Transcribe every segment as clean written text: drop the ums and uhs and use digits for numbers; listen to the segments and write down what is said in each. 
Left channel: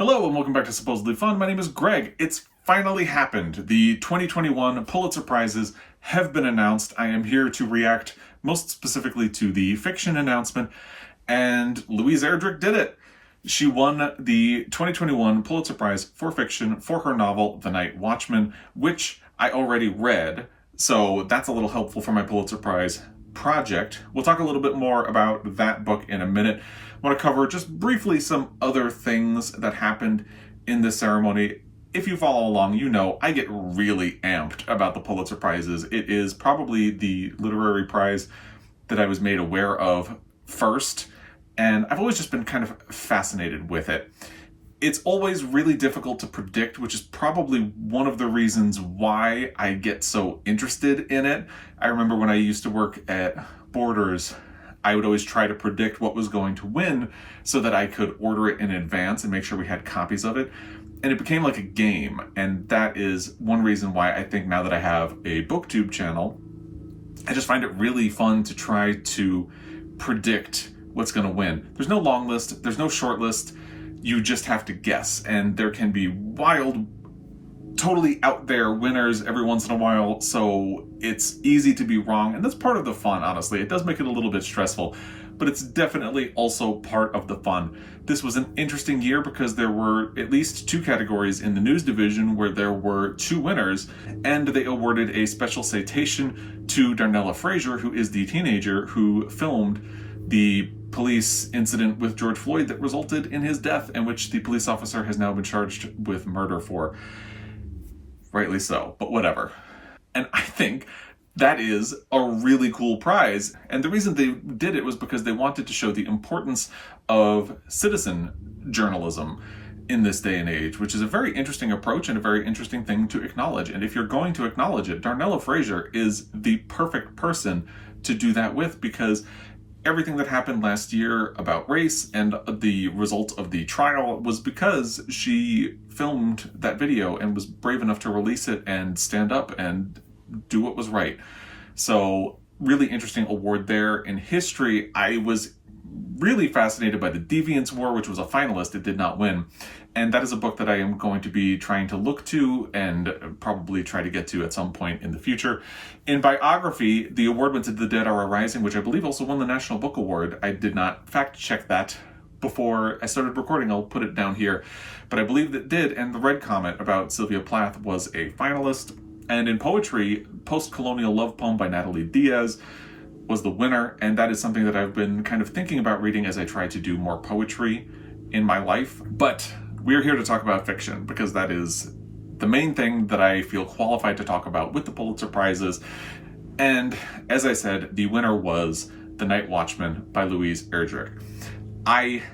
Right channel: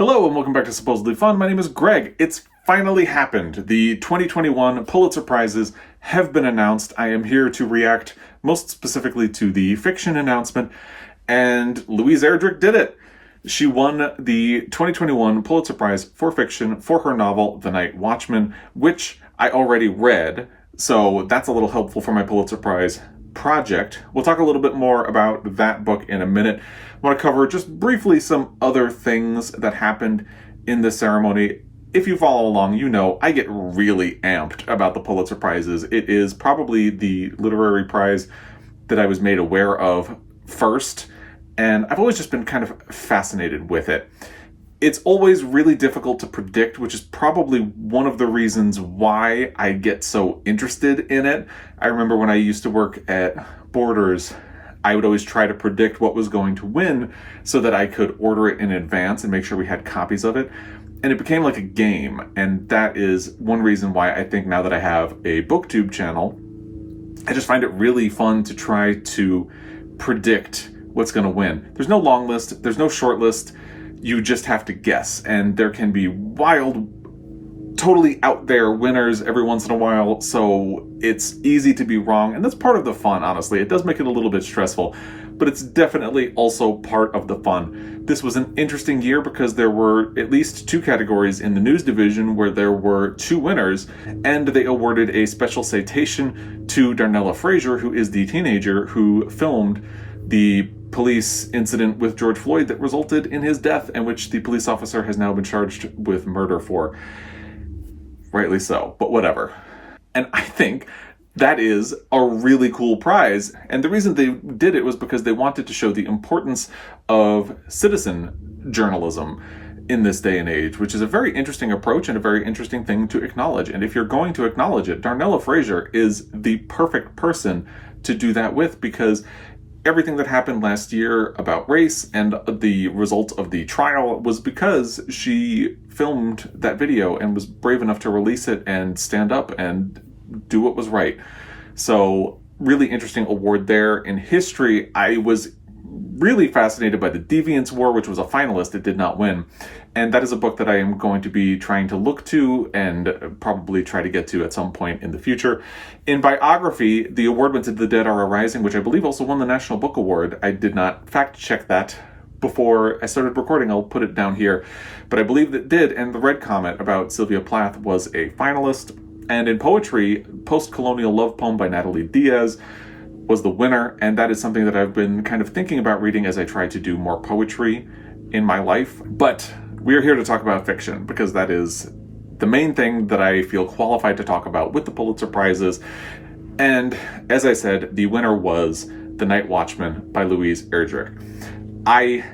Hello and welcome back to Supposedly Fun. My name is Greg. It's finally happened. The 2021 Pulitzer Prizes have been announced. I am here to react most specifically to the fiction announcement, and Louise Erdrich did it. She won the 2021 Pulitzer Prize for fiction for her novel, The Night Watchman, which I already read, so that's a little helpful for my Pulitzer Prize project. We'll talk a little bit more about that book in a minute. I want to cover just briefly some other things that happened in the ceremony. If you follow along, you know I get really amped about the Pulitzer Prizes. It is probably the literary prize that I was made aware of first, and I've always just been kind of fascinated with it. It's always really difficult to predict, which is probably one of the reasons why I get so interested in it. I remember when I used to work at Borders, I would always try to predict what was going to win so that I could order it in advance and make sure we had copies of it. And it became like a game. And that is one reason why I think now that I have a BookTube channel, I just find it really fun to try to predict what's going to win. There's no long list. There's no short list. You just have to guess. And there can be wild, totally out there winners every once in a while, so it's easy to be wrong, and that's part of the fun, honestly. It does make it a little bit stressful, but it's definitely also part of the fun. This was an interesting year because there were at least two categories in the news division where there were two winners, and they awarded a special citation to Darnella Frazier, who is the teenager who filmed the police incident with George Floyd that resulted in his death, and which the police officer has now been charged with murder for. Rightly so, but whatever. And I think that is a really cool prize. And the reason they did it was because they wanted to show the importance of citizen journalism in this day and age, which is a very interesting approach and a very interesting thing to acknowledge. And if you're going to acknowledge it, Darnella Frazier is the perfect person to do that with, because everything that happened last year about race and the result of the trial was because she filmed that video and was brave enough to release it and stand up and do what was right. So really interesting award there. In history, I was really fascinated by the Deviant War, which was a finalist. It did not win. And that is a book that I am going to be trying to look to and probably try to get to at some point in the future. In biography, the award went to The Dead Are Arising, which I believe also won the National Book Award. I did not fact check that before I started recording. I'll put it down here. But I believe that it did. And The Red Comet about Sylvia Plath was a finalist. And in poetry, Postcolonial Love Poem by Natalie Diaz was the winner. And that is something that I've been kind of thinking about reading as I try to do more poetry in my life. But we are here to talk about fiction because that is the main thing that I feel qualified to talk about with the Pulitzer Prizes. And as I said, the winner was The Night Watchman by Louise Erdrich. I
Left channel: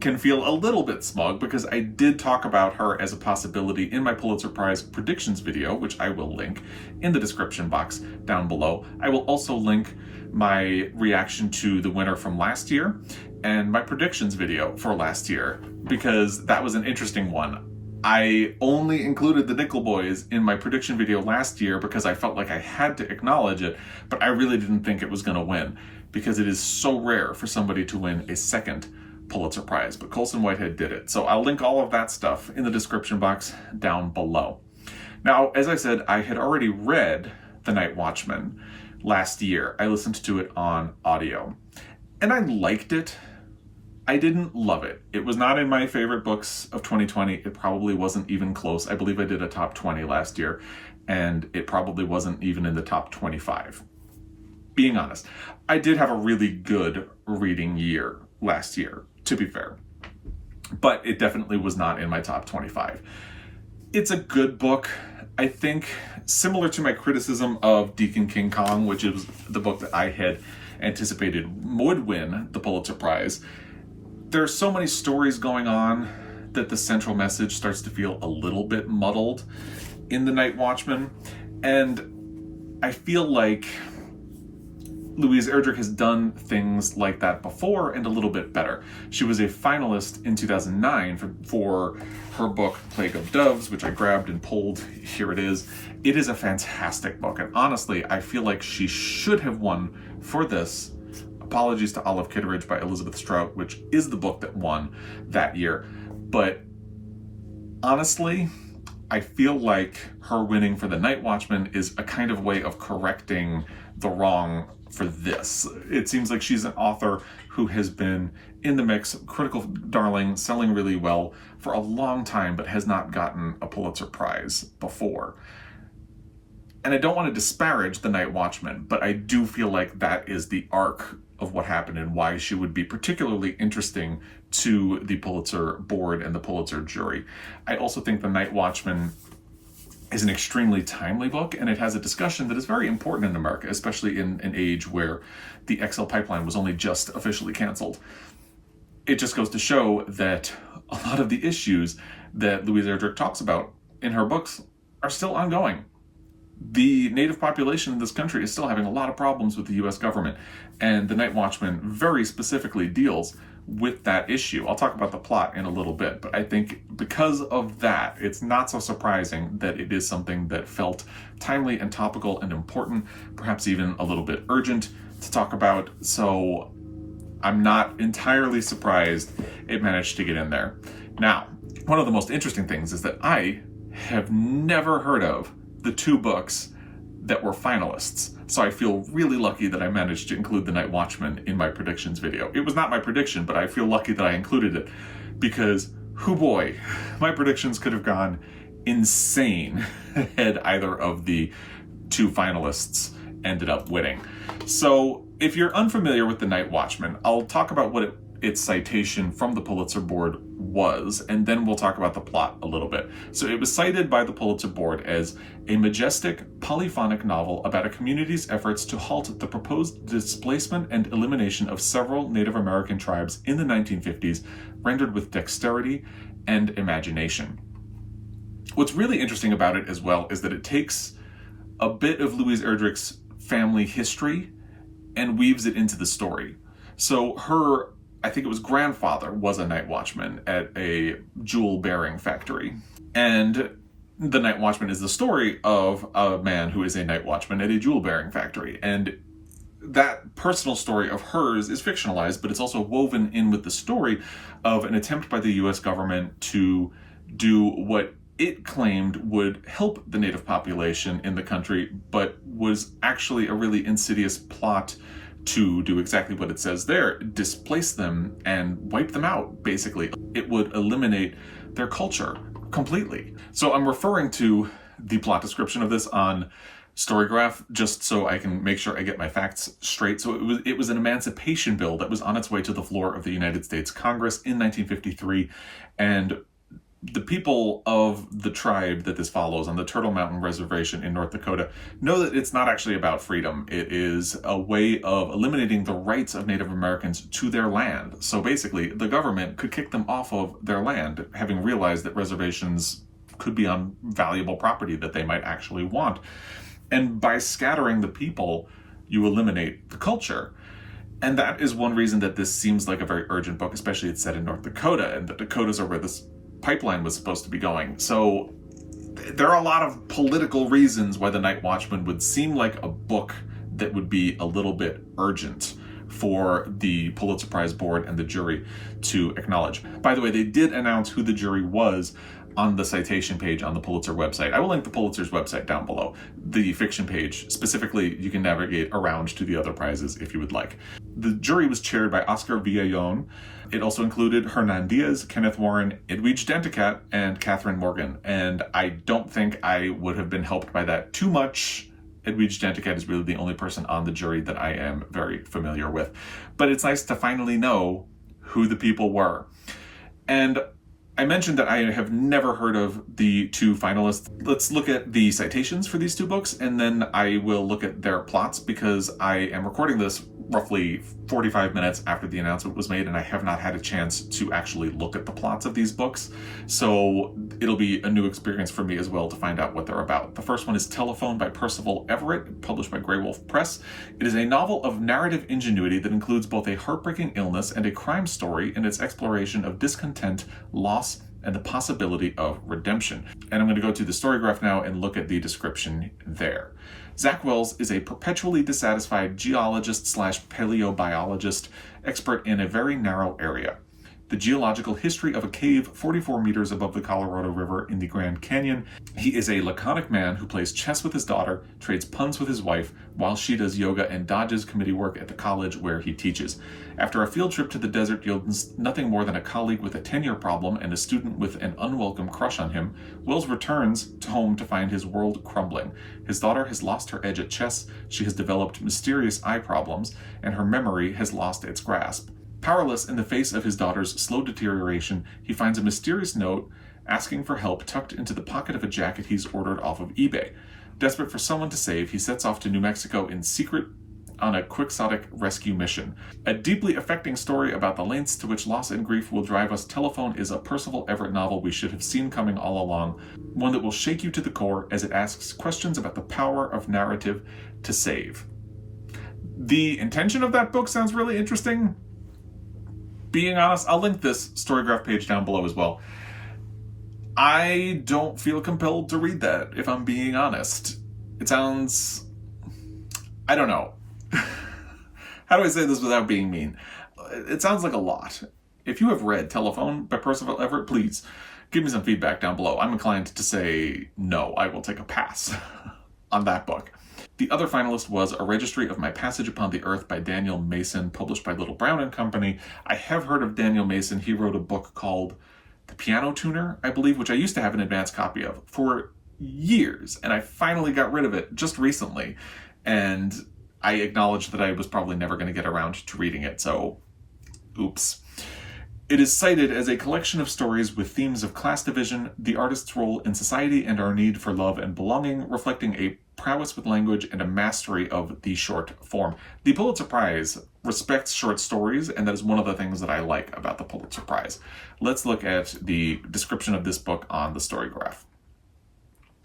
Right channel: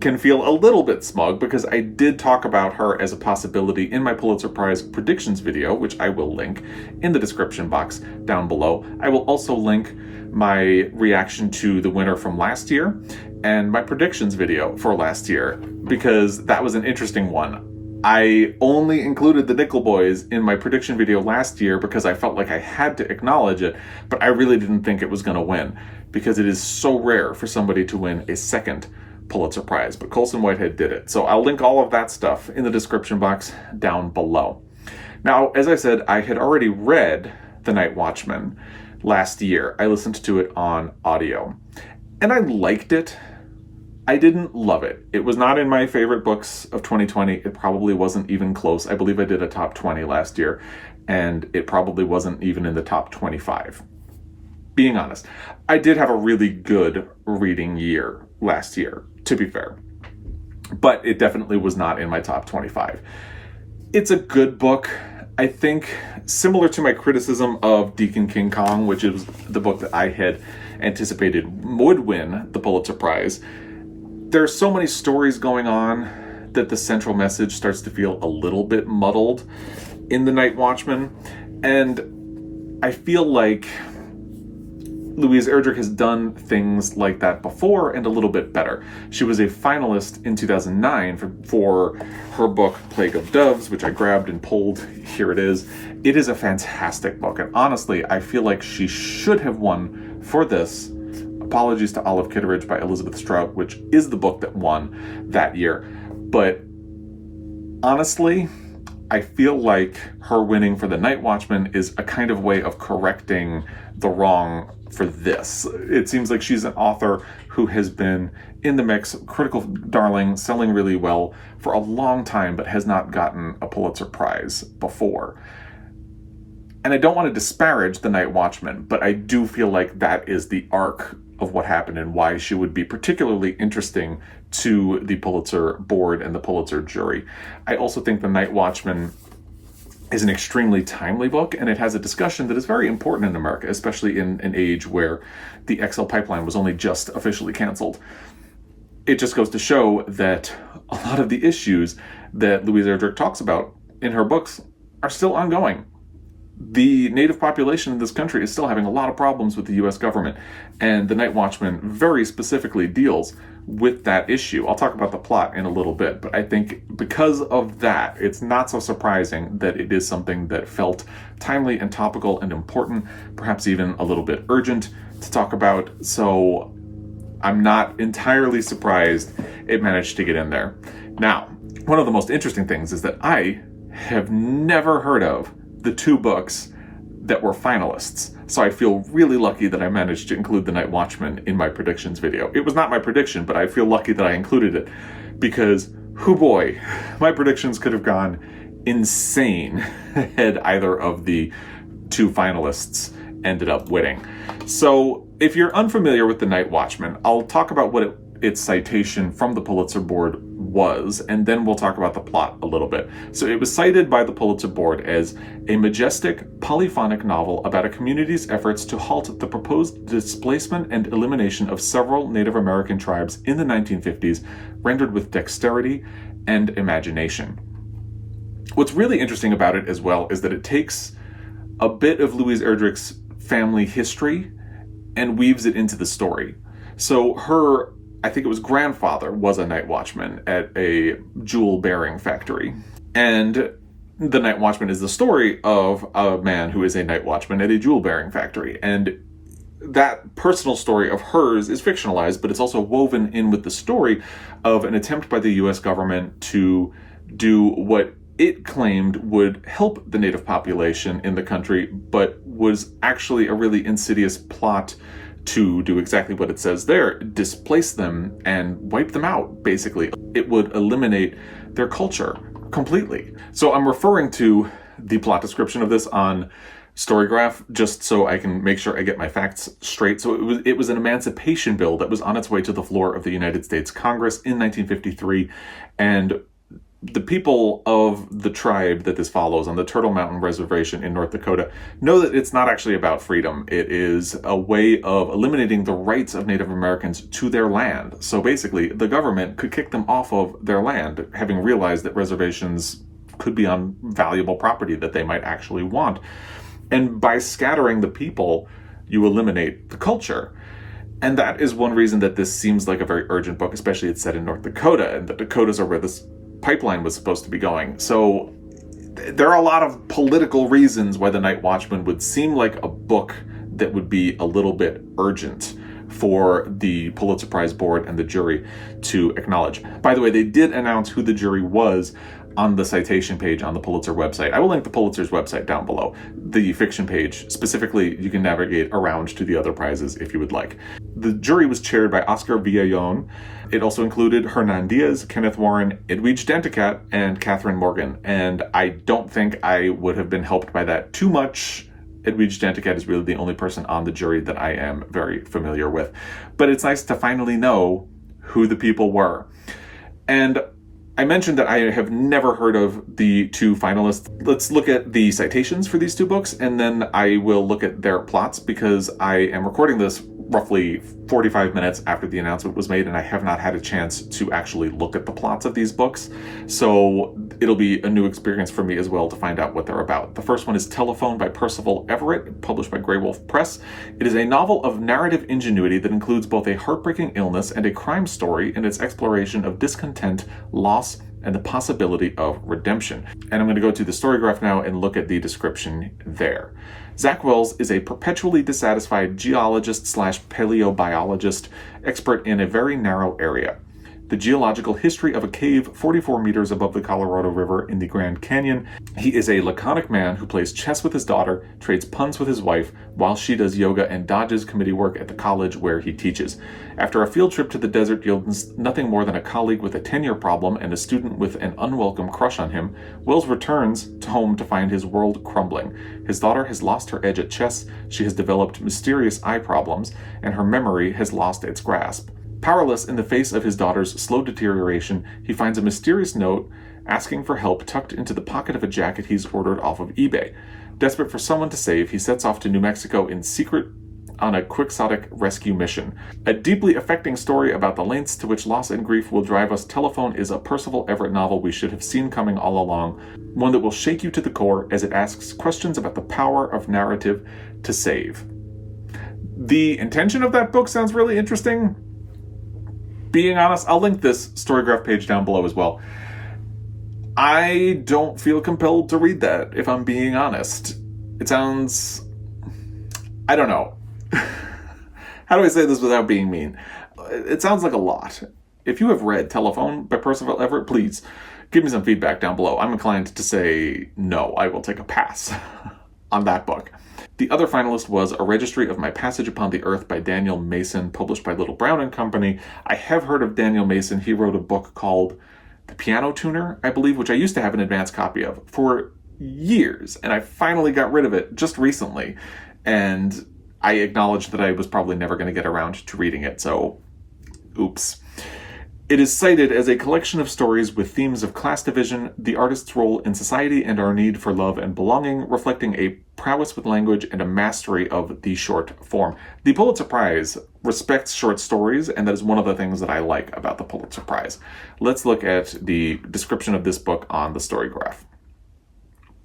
can feel a little bit smug because I did talk about her as a possibility in my Pulitzer Prize predictions video, which I will link in the description box down below. I will also link my reaction to the winner from last year and my predictions video for last year, because that was an interesting one. I only included the Nickel Boys in my prediction video last year because I felt like I had to acknowledge it, but I really didn't think it was going to win because it is so rare for somebody to win a second Pulitzer Prize, but Colson Whitehead did it. So I'll link all of that stuff in the description box down below. Now, as I said, I had already read The Night Watchman last year. I listened to it on audio, and I liked it. I didn't love it. It was not in my favorite books of 2020. It probably wasn't even close. I believe I did a top 20 last year, and it probably wasn't even in the top 25. Being honest, I did have a really good reading year last year, to be fair, but it definitely was not in my top 25. It's a good book. I think similar to my criticism of Deacon King Kong, which is the book that I had anticipated would win the Pulitzer Prize, there are so many stories going on that the central message starts to feel a little bit muddled in The Night Watchman. And I feel like Louise Erdrich has done things like that before and a little bit better. She was a finalist in 2009 for her book Plague of Doves, which I grabbed and pulled. Here it is. It is a fantastic book, and honestly, I feel like she should have won for this. Apologies to Olive Kitteridge by Elizabeth Strout, which is the book that won that year. But Honestly, I feel like her winning for the Night Watchman is a kind of way of correcting the wrong for this. It seems like she's an author who has been in the mix, critical darling, selling really well for a long time, but has not gotten a Pulitzer Prize before. And I don't want to disparage the Night Watchman, but I do feel like that is the arc of what happened and why she would be particularly interesting to the Pulitzer board and the Pulitzer jury. I also think the Night Watchman is an extremely timely book, and it has a discussion that is very important in America, especially in an age where the XL pipeline was only just officially canceled. It just goes to show that a lot of the issues that Louise Erdrich talks about in her books are still ongoing. The native population in this country is still having a lot of problems with the US government, and the Night Watchman very specifically deals with that issue. I'll talk about the plot in a little bit, but I think because of that, it's not so surprising that it is something that felt timely and topical and important, perhaps even a little bit urgent to talk about, so I'm not entirely surprised it managed to get in there. Now, one of the most interesting things is that I have never heard of the two books that were finalists. So I feel really lucky that I managed to include The Night Watchman in my predictions video. It was not my prediction, but I feel lucky that I included it because, hoo boy, my predictions could have gone insane had either of the two finalists ended up winning. So if you're unfamiliar with The Night Watchman, I'll talk about what its citation from the Pulitzer Board was, and then we'll talk about the plot a little bit. So it was cited by the Pulitzer Board as a majestic, polyphonic novel about a community's efforts to halt the proposed displacement and elimination of several Native American tribes in the 1950s, rendered with dexterity and imagination. What's really interesting about it as well is that it takes a bit of Louise Erdrich's family history and weaves it into the story. So her, I think it was grandfather, was a night watchman at a jewel bearing factory. And The Night Watchman is the story of a man who is a night watchman at a jewel bearing factory. And that personal story of hers is fictionalized, but it's also woven in with the story of an attempt by the US government to do what it claimed would help the native population in the country, but was actually a really insidious plot to do exactly what it says there, displace them and wipe them out, basically. It would eliminate their culture completely. So I'm referring to the plot description of this on Storygraph, just so I can make sure I get my facts straight. So it was an emancipation bill that was on its way to the floor of the United States Congress in 1953, and the people of the tribe that this follows on the Turtle Mountain Reservation in North Dakota know that it's not actually about freedom. It is a way of eliminating the rights of Native Americans to their land. So basically, the government could kick them off of their land, having realized that reservations could be on valuable property that they might actually want. And by scattering the people, you eliminate the culture. And that is one reason that this seems like a very urgent book, especially it's set in North Dakota, and the Dakotas are where this pipeline was supposed to be going. So there are a lot of political reasons why The Night Watchman would seem like a book that would be a little bit urgent for the Pulitzer Prize board and the jury to acknowledge. By the way, they did announce who the jury was on the citation page on the Pulitzer website. I will link the Pulitzer's website down below. The fiction page, specifically, you can navigate around to the other prizes if you would like. The jury was chaired by Oscar Villallon. It also included Hernan Diaz, Kenneth Warren, Edwidge Danticat, and Catherine Morgan. And I don't think I would have been helped by that too much. Edwidge Danticat is really the only person on the jury that I am very familiar with. But it's nice to finally know who the people were. And I mentioned that I have never heard of the two finalists. Let's look at the citations for these two books, and then I will look at their plots, because I am recording this roughly 45 minutes after the announcement was made, and I have not had a chance to actually look at the plots of these books. So it'll be a new experience for me as well to find out what they're about. The first one is Telephone by Percival Everett, published by Grey Wolf Press. It is a novel of narrative ingenuity that includes both a heartbreaking illness and a crime story in its exploration of discontent, loss, and the possibility of redemption. And I'm going to go to the Storygraph now and look at the description there. Zach Wells is a perpetually dissatisfied geologist/paleobiologist, expert in a very narrow area. the geological history of a cave 44 meters above the Colorado River in the Grand Canyon. He is a laconic man who plays chess with his daughter, trades puns with his wife, while she does yoga and dodges committee work at the college where he teaches. After a field trip to the desert yields nothing more than a colleague with a tenure problem and a student with an unwelcome crush on him, Wells returns home to find his world crumbling. His daughter has lost her edge at chess, she has developed mysterious eye problems, and her memory has lost its grasp. Powerless in the face of his daughter's slow deterioration, he finds a mysterious note asking for help tucked into the pocket of a jacket he's ordered off of eBay. Desperate for someone to save, he sets off to New Mexico in secret on a quixotic rescue mission. A deeply affecting story about the lengths to which loss and grief will drive us. Telephone is a Percival Everett novel we should have seen coming all along, one that will shake you to the core as it asks questions about the power of narrative to save. The intention of that book sounds really interesting. Being honest, I'll link this Storygraph page down below as well. I don't feel compelled to read that, if I'm being honest. It sounds... I don't know. How do I say this without being mean? It sounds like a lot. If you have read Telephone by Percival Everett, please give me some feedback down below. I'm inclined to say no, I will take a pass on that book. The other finalist was A Registry of My Passage Upon the Earth by Daniel Mason, published by Little Brown and Company. I have heard of Daniel Mason. He wrote a book called The Piano Tuner, I believe, which I used to have an advanced copy of for years, and I finally got rid of it just recently. And I acknowledged that I was probably never going to get around to reading it, so oops. It is cited as a collection of stories with themes of class division, the artist's role in society, and our need for love and belonging, reflecting a prowess with language and a mastery of the short form. The Pulitzer Prize respects short stories, and that is one of the things that I like about the Pulitzer Prize. Let's look at the description of this book on the Storygraph.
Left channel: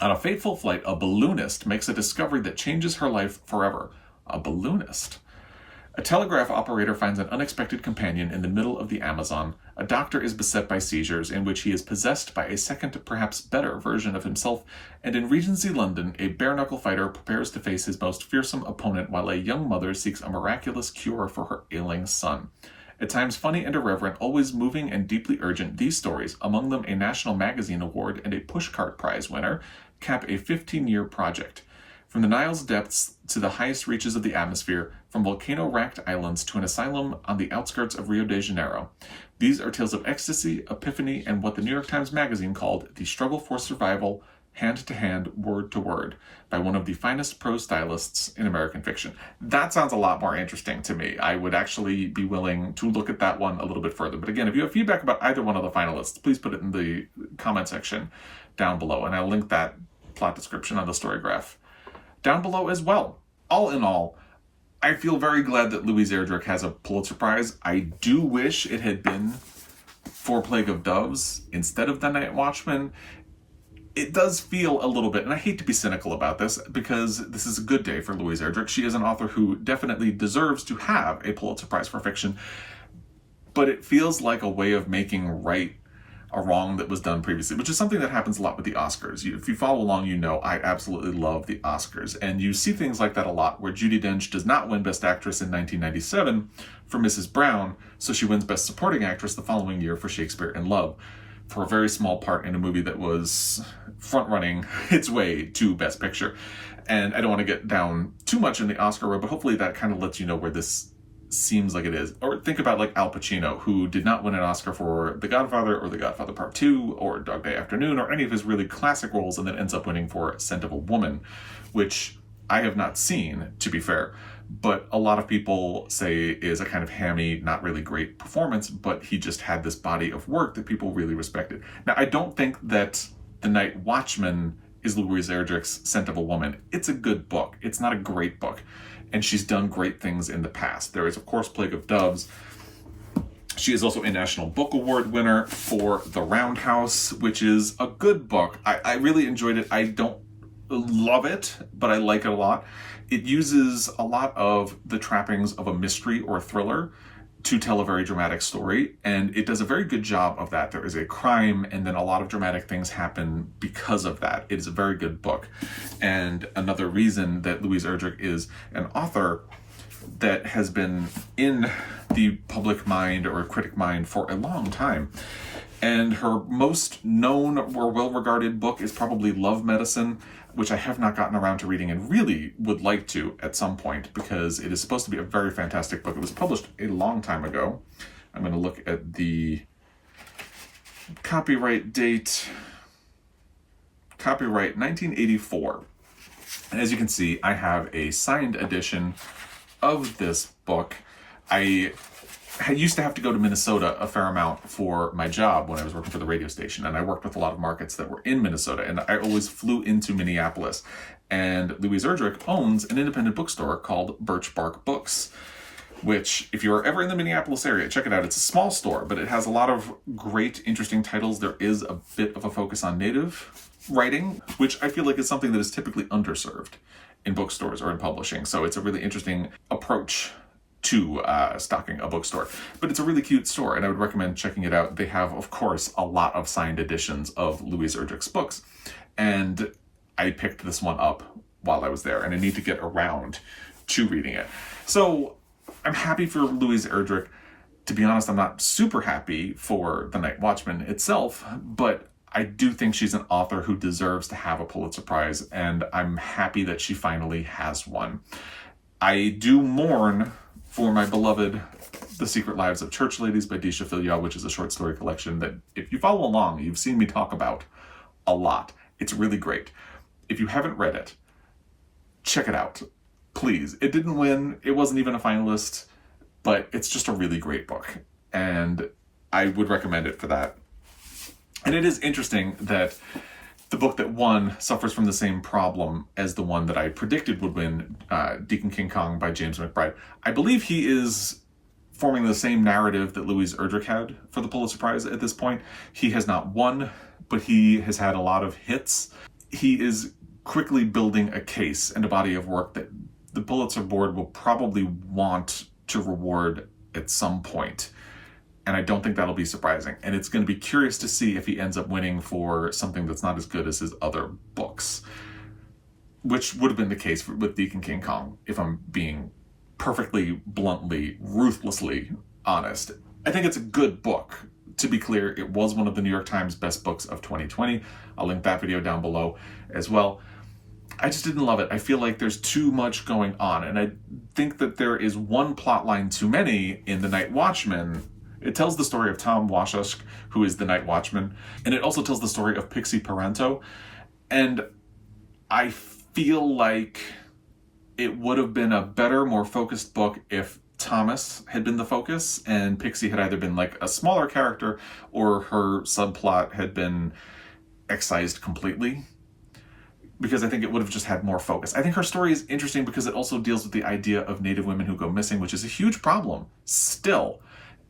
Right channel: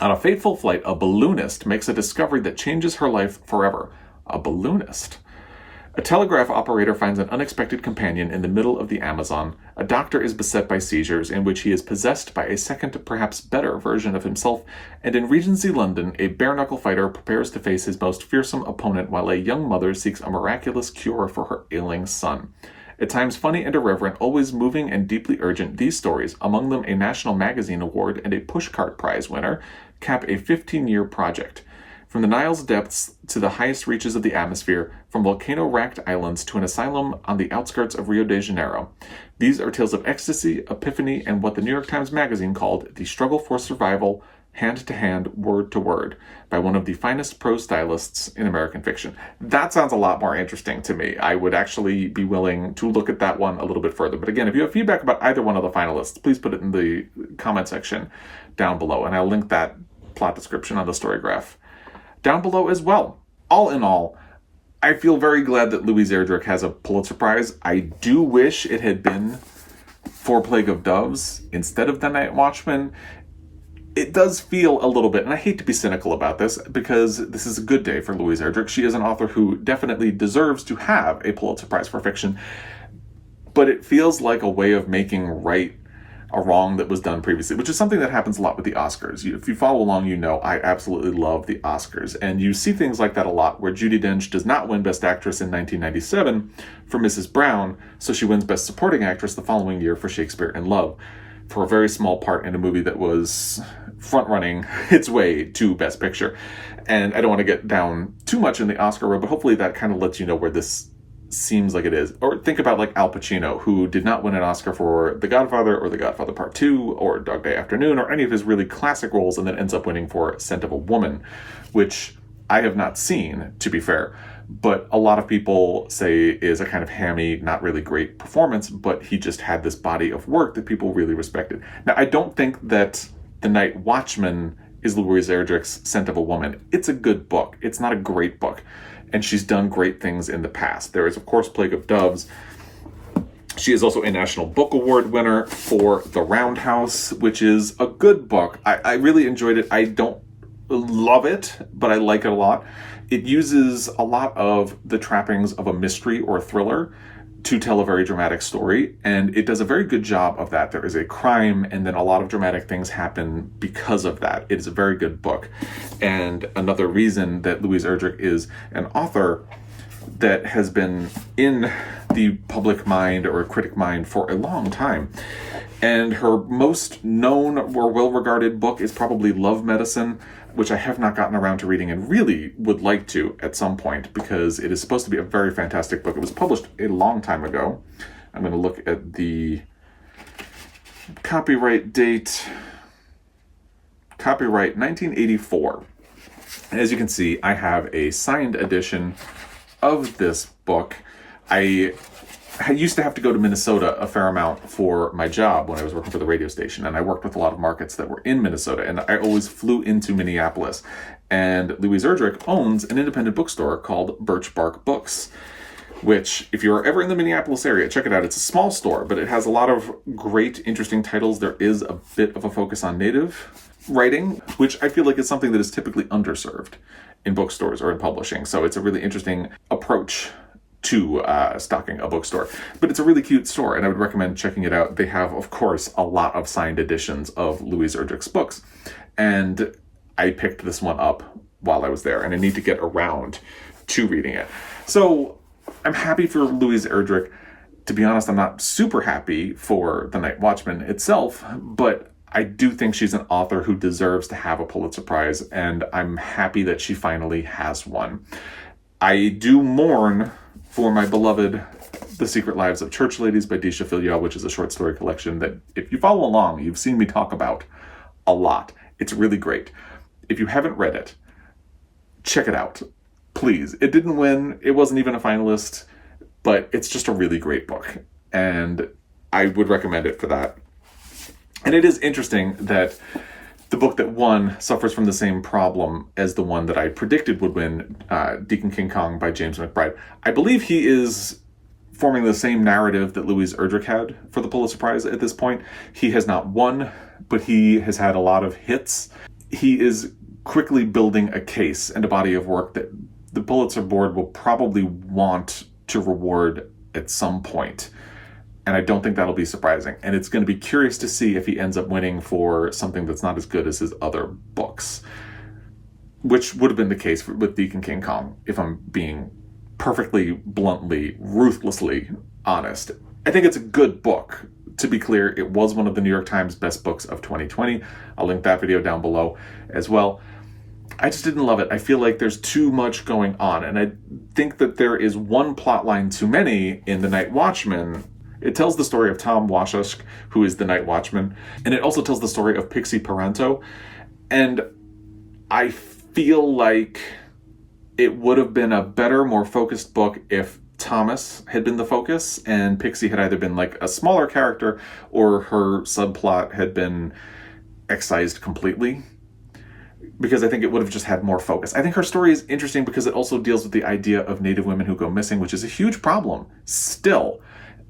On a fateful flight, a balloonist makes a discovery that changes her life forever. A balloonist. A telegraph operator finds an unexpected companion in the middle of the Amazon. A doctor is beset by seizures in which he is possessed by a second, perhaps better version of himself. And in Regency London, a bare-knuckle fighter prepares to face his most fearsome opponent while a young mother seeks a miraculous cure for her ailing son. At times funny and irreverent, always moving and deeply urgent, these stories, among them a National Magazine Award and a Pushcart Prize winner, cap a 15-year project. From the Nile's depths to the highest reaches of the atmosphere, from volcano-racked islands to an asylum on the outskirts of Rio de Janeiro. These are tales of ecstasy, epiphany, and what the New York Times Magazine called the struggle for survival, hand-to-hand, word-to-word, by one of the finest prose stylists in American fiction. That sounds a lot more interesting to me. I would actually be willing to look at that one a little bit further. But again, if you have feedback about either one of the finalists, please put it in the comment section down below, and I'll link that plot description on the Storygraph down below as well. All in all, I feel very glad that Louise Erdrich has a Pulitzer Prize. I do wish it had been for Plague of Doves instead of The Night Watchman. It does feel a little bit, and I hate to be cynical about this, because this is a good day for Louise Erdrich. She is an author who definitely deserves to have a Pulitzer Prize for fiction, but it feels like a way of making right a wrong that was done previously, which is something that happens a lot with the Oscars. If you follow along, you know I absolutely love the Oscars, and you see things like that a lot, where Judi Dench does not win Best Actress in 1997 for Mrs. Brown, so she wins Best Supporting Actress the following year for Shakespeare in Love, for a very small part in a movie that was front-running its way to Best Picture. And I don't want to get down too much in the Oscar road, but hopefully that kind of lets you know where this seems like it is. Or think about like Al Pacino, who did not win an Oscar for The Godfather or The Godfather Part 2 or Dog Day Afternoon or any of his really classic roles, and then ends up winning for Scent of a Woman, which I have not seen, to be fair, but a lot of people say is a kind of hammy, not really great performance, but he just had this body of work that people really respected. Now, I don't think that The Night Watchman is Louise Erdrich's Scent of a Woman. It's a good book. It's not a great book. And she's done great things in the past. There is, of course, Plague of Doves. She is also a National Book Award winner for The Roundhouse, which is a good book. I really enjoyed it. I don't love it, but I like it a lot. It uses a lot of the trappings of a mystery or a thriller to tell a very dramatic story, and it does a very good job of that. There is a crime, and then a lot of dramatic things happen because of that. It is a very good book, and another reason that Louise Erdrich is an author that has been in the public mind or critic mind for a long time. And her most known or well-regarded book is probably Love Medicine, which I have not gotten around to reading and really would like to at some point, because it is supposed to be a very fantastic book. It was published a long time ago. I'm going to look at the copyright date. Copyright 1984. And as you can see, I have a signed edition of this book. I used to have to go to Minnesota a fair amount for my job when I was working for the radio station, and I worked with a lot of markets that were in Minnesota, and I always flew into Minneapolis. And Louise Erdrich owns an independent bookstore called Birch Bark Books, which, if you're ever in the Minneapolis area, check it out. It's a small store, but it has a lot of great, interesting titles. There is a bit of a focus on Native writing, which I feel like is something that is typically underserved in bookstores or in publishing. So it's a really interesting approach to stocking a bookstore. But it's a really cute store, and I would recommend checking it out. They have, of course, a lot of signed editions of Louise Erdrich's books, and I picked this one up while I was there, and I need to get around to reading it. So I'm happy for Louise Erdrich. To be honest, I'm not super happy for The Night Watchman itself, but I do think she's an author who deserves to have a Pulitzer Prize, and I'm happy that she finally has one. I do mourn for my beloved The Secret Lives of Church Ladies by Deesha Philyaw, which is a short story collection that, if you follow along, you've seen me talk about a lot. It's really great. If you haven't read it, check it out. Please. It didn't win. It wasn't even a finalist, but it's just a really great book, and I would recommend it for that. And it is interesting that the book that won suffers from the same problem as the one that I predicted would win, Deacon King Kong by James McBride. I believe he is forming the same narrative that Louise Erdrich had for the Pulitzer Prize at this point. He has not won, but he has had a lot of hits. He is quickly building a case and a body of work that the Pulitzer board will probably want to reward at some point. And I don't think that'll be surprising. And it's going to be curious to see if he ends up winning for something that's not as good as his other books, which would have been the case with Deacon King Kong, if I'm being perfectly bluntly, ruthlessly honest. I think it's a good book. To be clear, it was one of the New York Times best books of 2020. I'll link that video down below as well. I just didn't love it. I feel like there's too much going on, and I think that there is one plot line too many in The Night Watchman. It tells the story of Tom Washusk, who is the Night Watchman, and it also tells the story of Pixie Parenteau. And I feel like it would have been a better, more focused book if Thomas had been the focus and Pixie had either been like a smaller character or her subplot had been excised completely, because I think it would have just had more focus. I think her story is interesting because it also deals with the idea of Native women who go missing, which is a huge problem still.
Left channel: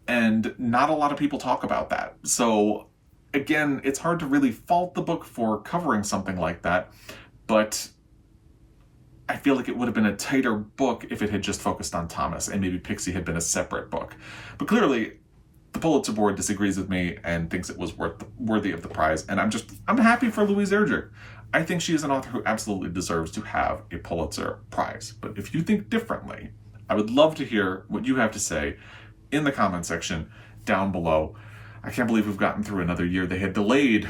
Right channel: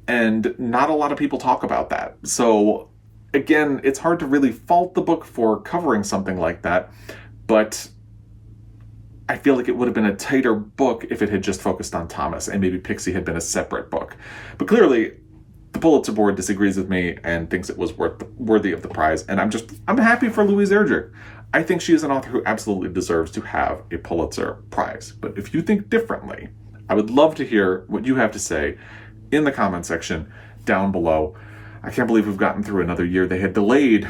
And not a lot of people talk about that. So again, it's hard to really fault the book for covering something like that, but I feel like it would have been a tighter book if it had just focused on Thomas and maybe Pixie had been a separate book. But clearly, the Pulitzer board disagrees with me and thinks it was worthy of the prize, and I'm happy for Louise Erdrich. I think she is an author who absolutely deserves to have a Pulitzer Prize. But if you think differently, I would love to hear what you have to say in the comment section down below. I can't believe we've gotten through another year. They had delayed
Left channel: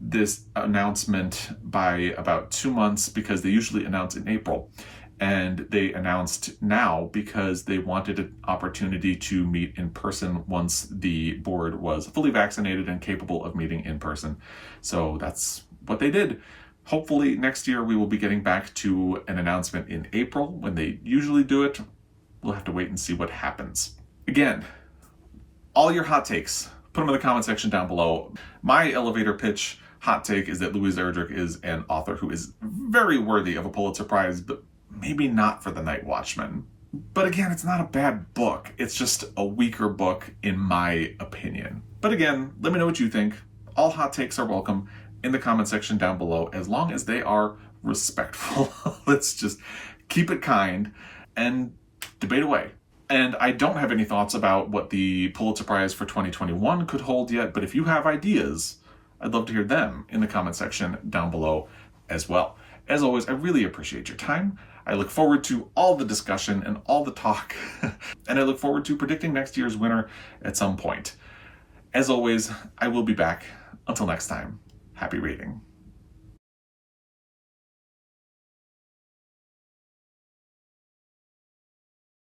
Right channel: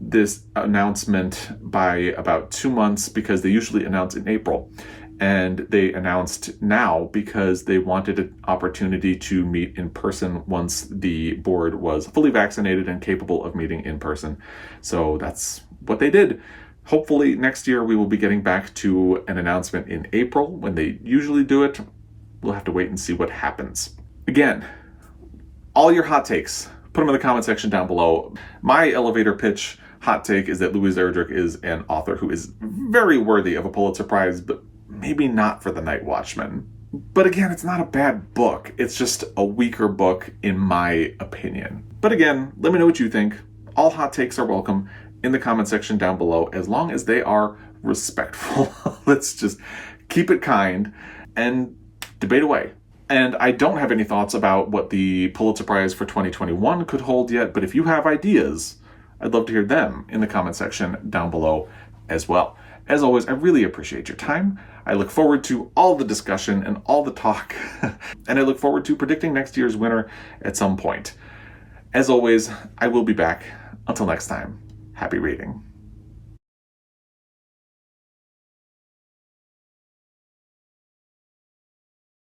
this announcement by about 2 months because they usually announce in April. And they announced now because they wanted an opportunity to meet in person once the board was fully vaccinated and capable of meeting in person. So that's what they did. Hopefully next year we will be getting back to an announcement in April when they usually do it. We'll have to wait and see what happens. Again, all your hot takes, put them in the comment section down below. My elevator pitch hot take is that Louise Erdrich is an author who is very worthy of a Pulitzer Prize, but maybe not for The Night Watchman. But again, it's not a bad book. It's just a weaker book in my opinion. But again, let me know what you think. All hot takes are welcome in the comment section down below, as long as they are respectful. Let's just keep it kind and debate away. And I don't have any thoughts about what the Pulitzer Prize for 2021 could hold yet, but if you have ideas, I'd love to hear them in the comment section down below as well. As always, I really appreciate your time. I look forward to all the discussion and all the talk, and I look forward to predicting next year's winner at some point. As always, I will be back. Until next time, happy reading.